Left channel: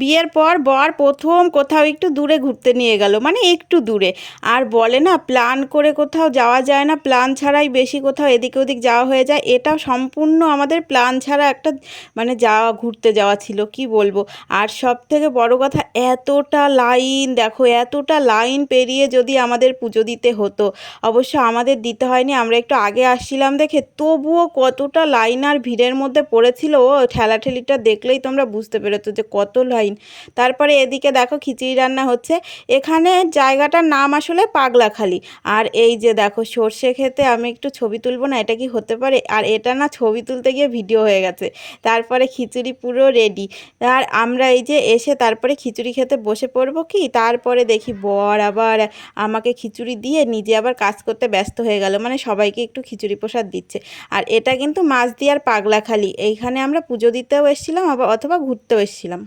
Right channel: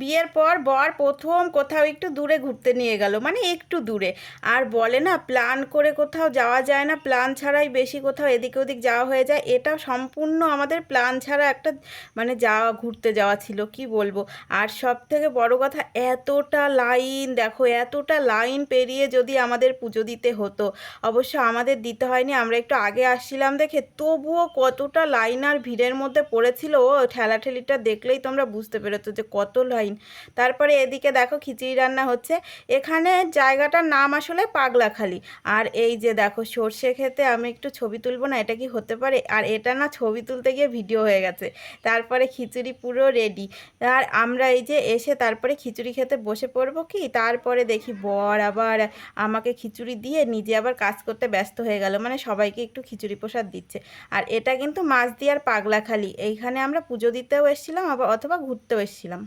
বিয়ের পর বর প্রথম কোথাও একটু দূরে ঘুরতে নিয়ে গেল, মানে একটু দূরে। আর বলে না, প্ল্যান করে কোথাও যাওয়া যায় না, প্ল্যান ছাড়াই বেশি কোথাও এদিক ওদিক যাওয়া হয়ে যায়। এটা সম্পূর্ণ আমাদের প্ল্যান ছাড়া একটা মানে যাওয়া, ঘুরতে যাওয়া ছিল, কি বলবো। আর সব থেকে বড় কথা, এতটা লাইন দেখো, এতটা লাইন পেরিয়ে যদি আমাদের পুজো দিতে হতো। অবশ্য আমাদের দিতে হয়নি, আমরা একটু আগে আসছিলাম দেখে, তবুও কতটা লাইন আর ভিড়ের মধ্যে পড়েছিল। ও ঠেলাঠেলিটা দেখলেই তোমরা বুঝতে পেরেছো যে কত লাইন। তারপরে এদিকে দেখো খিচুড়ি রান্না হচ্ছে। এখানে জায়গাটার নাম আসলে পাগলাখালি। আর এই যে দেখো সর্ষে খেতে আমি একটু ছবি তুলবো না, এটা কি হতে পারে? আর এটা না ছবি তুলতে গিয়ে ভিডিও হয়ে গেছে। তারপরে খিচুড়ি পুরো রেডি। আর আমরা এই যে এসে তারপরে খিচুড়ি খেতে বসে পড়বো কি, তারপরে দেখি বর আবার আমাকে খিচুড়ি দিয়ে নিজে আবার কাজ করতে ব্যস্ত হয়ে গেল, মানে সবাইকে একটু খিচুড়ি প্রসাদ দিচ্ছে। আর এটা কিন্তু মাছদিয়ার পাগলাখালি, এইখানে আমরা পুজো দিতেও এসেছিলাম আবার অথবা ঘুরতেও এসেছিলাম।